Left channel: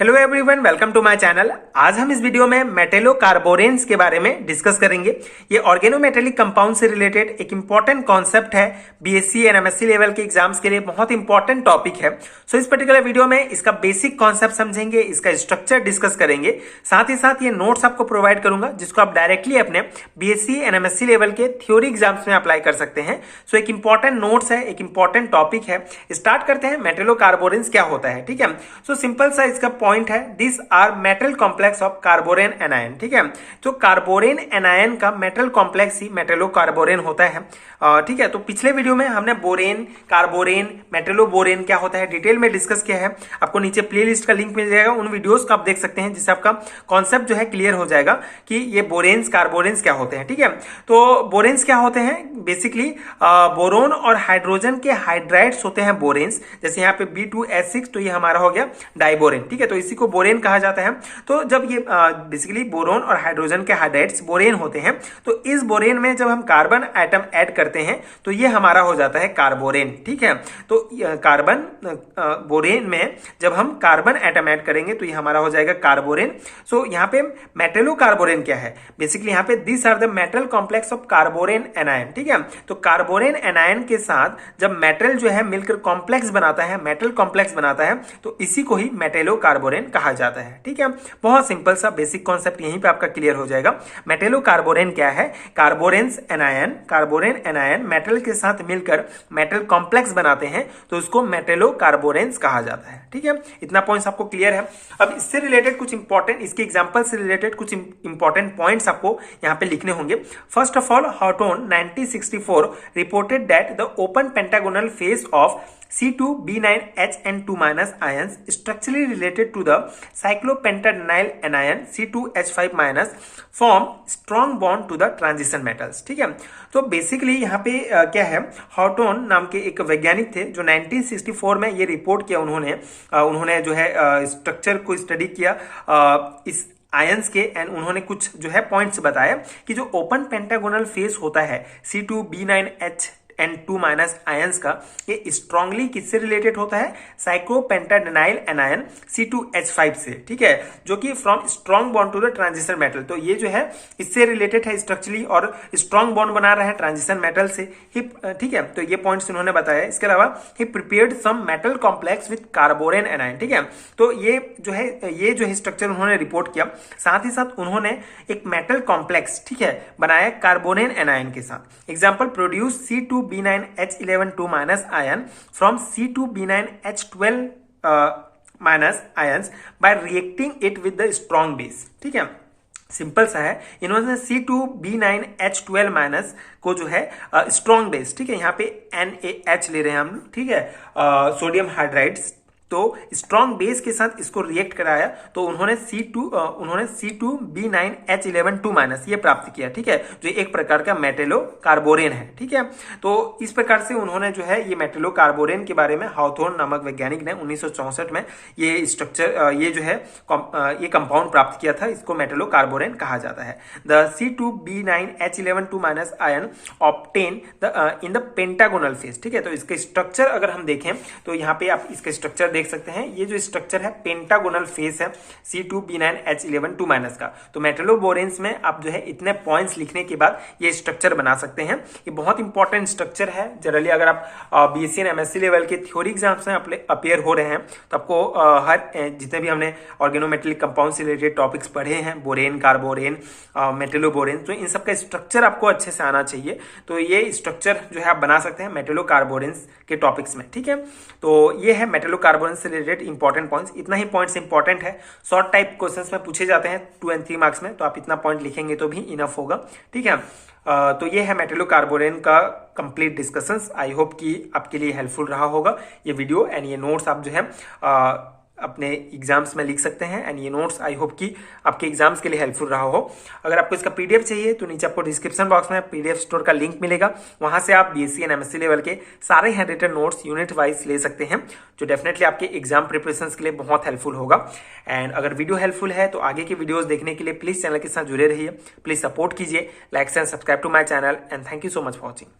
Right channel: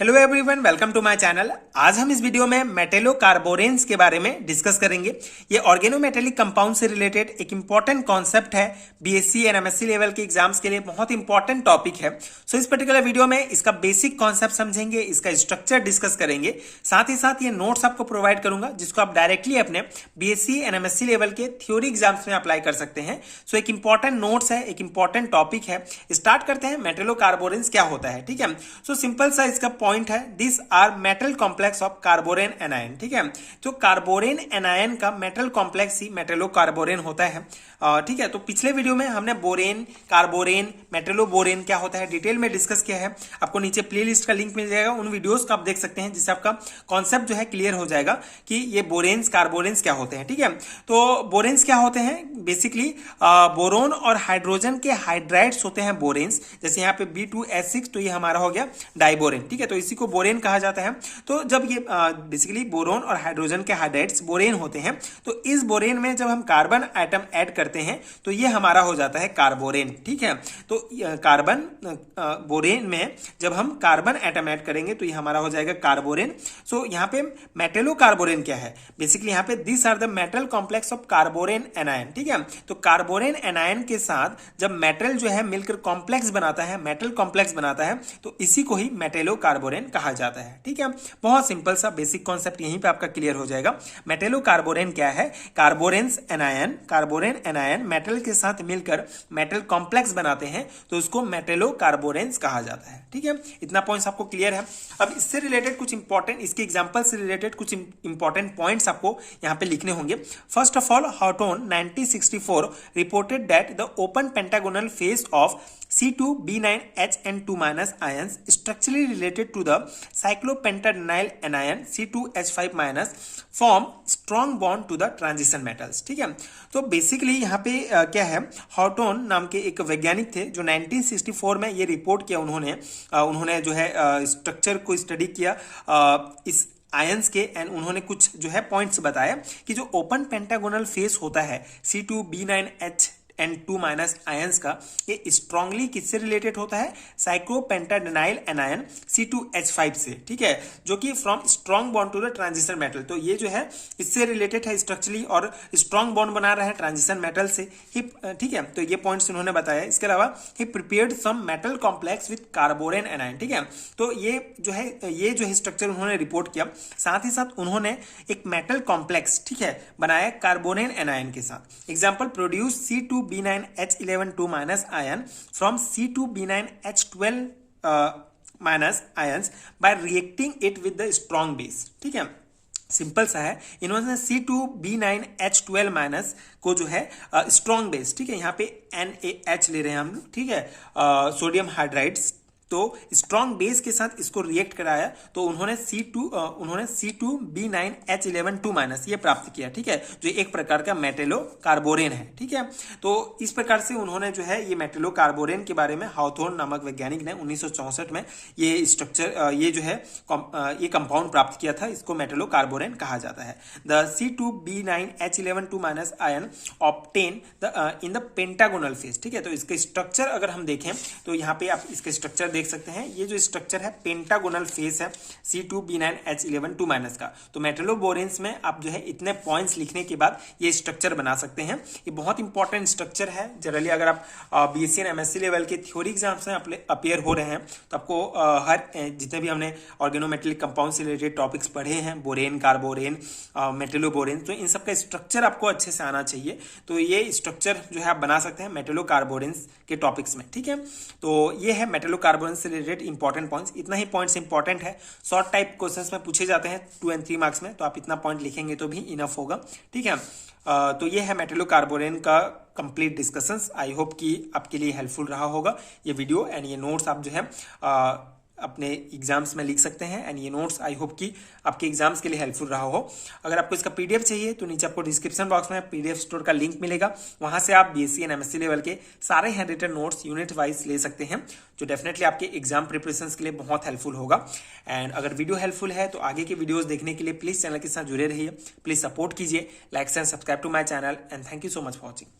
Hello everyone, welcome to my channel. आज हम इस वीडियो में मेटेलोकार्बोरेंस के बारे में डिस्कस करेंगे। ये ऑर्गेनोमेटेलिक कंपाउंड से रिलेटेड एक इंपॉर्टेंट कॉन्सेप्ट है। बीएससी एंड एमएससी लेवल के एग्जाम्स के लिए बहुत इंपॉर्टेंट टॉपिक है। सो इस पर्टिकुलर वीडियो में इसका बेसिक कॉन्सेप्ट समझेंगे, इसका स्ट्रक्चर डिस्कस करेंगे, साथ ही साथ ये नोट्स आपको प्रोवाइड करूंगा जिसको आप डायरेक्टली अपने बीएससी एंड एमएससी लेवल के थ्योरी एग्जाम्स में अप्लाई कर सकते हैं। सो एक इंपॉर्टेंट नोट्स है, एक इंपॉर्टेंट टॉपिक है। स्टार्ट करते हैं, मेटेलोकार्बोरेंस क्या होता है। ठीक है, सो सिंपल सा इसका पॉइंट है, this are metal complex of carborane anion. ठीक है, तो कार्बोरेन एनायन का मेटल कॉम्प्लेक्स ही मेटेलोकार्बोरेन होता है। ठीक है, तो पिछले वीडियो में हमने बोरेन, कार्बोरेन, मेटेलोबोरेन क्या होता है डिटेल में डिस्कस किया है। आपको नीचे प्लेलिस्ट का लिंक मिल जाएगा, उन वीडियोस को आप देख सकते हैं जिससे आपका कॉन्सेप्ट जो है क्लियर हो जाएगा कि ये बोरेन्स कार्बोरेन्स क्या होते हैं। ठीक है, तो बोरेन्स क्या होते हैं, बेसिकली बोरोन और हाइड्रोजन के हाइड्राइड्स होते हैं बोरेन्स। जैसे यहाँ पे B2S6, तो ये हमारा हो गया डाइबोरेन। ठीक है, तो इसी को बोरेन कहा जाता है। तो जब ये बेसिकली बोरोन और हाइड्रोजन के हाइड्राइड्स बोरेन होते हैं, तो इस बोरेन में जब हम कार्बन एटम ऐड करते हैं तो ये हमारा हो जाता है कार्बोरेन। ठीक है, तो कार्बन बोरेन में जब हम कार्बन एटम ऐड करेंगे तो ये हमारा हो जाएगा कार्बोरेन। सो यहाँ पे मेटेलोकार्बोरेन क्या है, बेसिकली यहाँ पे this are the metal complex of carborane anion. ठीक है, तो कार्बोरेन एनायन के साथ जब मेटल जो है मिलकर कॉम्प्लेक्स बनाता है, मेटल कॉम्प्लेक्स बनाता है, तो इसी को ही मेटेलोकार्बोरेन कहा जाता है। ठीक है, बहुत सिंपल सा बेसिक कॉन्सेप्ट यहीं पे आपका क्लियर हो जाएगा। मेटेलोकार्बोरेन क्या है, कार्बोरेंस एनायन, कार्बोरेन एनायन मेटल के साथ मिलकर मेटल कॉम्प्लेक्स बनाते हैं तो उसको मेटेलोकार्बोरेंस कहा जाता है। ठीक है, इतना पॉइंट्स आपको क्लियर है। अब इससे रिलेटेड कुछ इंपॉर्टेंट, इसके एग्जांपल से रिलेटेड कुछ इंपॉर्टेंट पॉइंट्स आपको यहां पे लिखने होंगे। First of all, Hawthorne 1964 reported that the open pentagonal face of C2B9H2- ions structurally related to the cyclopentadienyl anion C2H5- form strong bond to the transition metals। ठीक है, तो बेसिकली यहाँ पे क्या है, हॉटोन नाम के एक वैज्ञानिक थे जो 1964 में ये रिपोर्ट किया। उन्होंने जो है स्ट्रक्चर को स्टडी किया इस आयंस के, एंड उन्होंने कुछ जो है पॉइंट्स बताया कि जो ओपन पेंटागोनल फेस होता है C2B9H2- आयंस का, ये स्ट्रांगली किससे रिलेटेड होता है, साइक्लोपेंटाडेनाइल एनायन C2H5 से। ठीक है, जो कि from strong bond to the transition metal, तो ये जो है इससे रिलेटेड है स्ट्रक्चरली, और स्ट्रॉन्ग बॉन्ड बना रहा है ट्रांजिशन मेटल से ही। ठीक है, तो ये पॉइंट्स इन्होंने बताया। इसके अलावा ही prepared some metal complex with carborane anion. ठीक है, तो ये जो है स्ट्रक्चर उन्होंने रिपोर्ट किया। साथ ही साथ उन्होंने एक मेटल कॉम्प्लेक्स, ठीक है, बनाया कार्बोरेन एनायन के साथ। Example, produce C2B9H11- ion from C2B9H12- ions by reacting it with the strong base। ठीक है, सिंपल सा है। इन्होंने C2B9H12- को जो है स्ट्रॉन्ग बेस, ठीक है, यहाँ पे NaH ले रहे हैं हम, ठीक है, सोडियम हाइड्राइड्स, तो स्ट्रॉन्ग बेस के साथ इसको रिएक्ट कराया तो उन्होंने C2B9H11- ये प्राप्त किया। ठीक है, जो एक प्रकार का मेटेलोकार्बोरेन है। ठीक है, तो इस प्रकार से उन्होंने जो है ये मेटेलोकार्बोरेन के बारे में हॉथोर्न नामक वैज्ञानिक ने 1964 में ये स्ट्रक्चर, ये जो है ये कंपाउंड प्राप्त किया था। इसको मेटेलोकार्बोरेन कहा जाता है। The C2B9H11- ion obtain in the pentagonal phase. ठीक है, तो इसके स्ट्रक्चर अगर हम देखें तो यहाँ पे आप इसके स्ट्रक्चर देख सकते हैं। ये जो स्ट्रक्चर है पेंटागोनल फेस है C2B9H11- का। तो मेटेलोबोरेंस में आप जो है इतने पॉइंट्स लिखने के बाद ये स्ट्रक्चर बना सकते हैं। ये बहुत इंपॉर्टेंट स्ट्रक्चर है। जनरली अगर आप बीएससी एंड एमएससी लेवल के थ्योरी एग्जाम्स में अपियर हो रहे हैं तो आपको हर जितने भी हमने ऑर्गेनोमेटेलिक कंपाउंड से रिलेटेड टॉपिक्स पढ़े हैं, बोरेन, कार्बोरेन, मेटेलोबोरेन, तो इन सबका स्ट्रक्चर आपको अच्छे से आना चाहिए। तो ये स्ट्रक्चर जो है आप बना सकते हैं मेटेलोकार्बोरेंस के टॉपिक्स में। ठीक है, तो ये है मेटेलोकार्बोरेंस से रिलेटेड इंपॉर्टेंट पॉइंट्स। इतना ही पॉइंट्स इंपॉर्टेंट है, शॉर्ट टाइप क्वेश्चंस में पूछे जाते हैं 2 और 3 मार्क्स में, तो आप इतना पॉइंट लिखेंगे तो भी इनफ होगा। ठीक है, तो ये है मेटेलोकार्बोरेन का कंप्लीट डिस्कशंस। आई होप कि आपके लिए हेल्पफुल रहा होगा ये वीडियो, एंड ये नोट्स आप जो है अपने एग्जाम्स में लिख सकते हैं। एंड ये नोट्स आई होप कि आपके एग्जाम्स के लिए हेल्पफुल रहा हो। अगर आपको इसका पीडीएफ चाहिए तो नीचे आपको डिस्क्रिप्शन बॉक्स में पीडीएफ स्टोर का लिंक मिलेगा, वहां से आप बीएससी एंड एमएससी लेवल के सारे handwritten notes unit wise ले सकते हैं, जो डेफिनेटली आपके एग्जाम प्रिपरेशन के लिए बहुत हेल्पफुल होगा। एंड अगर वीडियो हेल्पफुल है तो आगे की वीडियोज देखने के लिए प्लीज चैनल के साथ जुड़े रहिए, प्लीज सपोर्ट कीजिए, like and subscribe to my channel, and thank you so much for watching.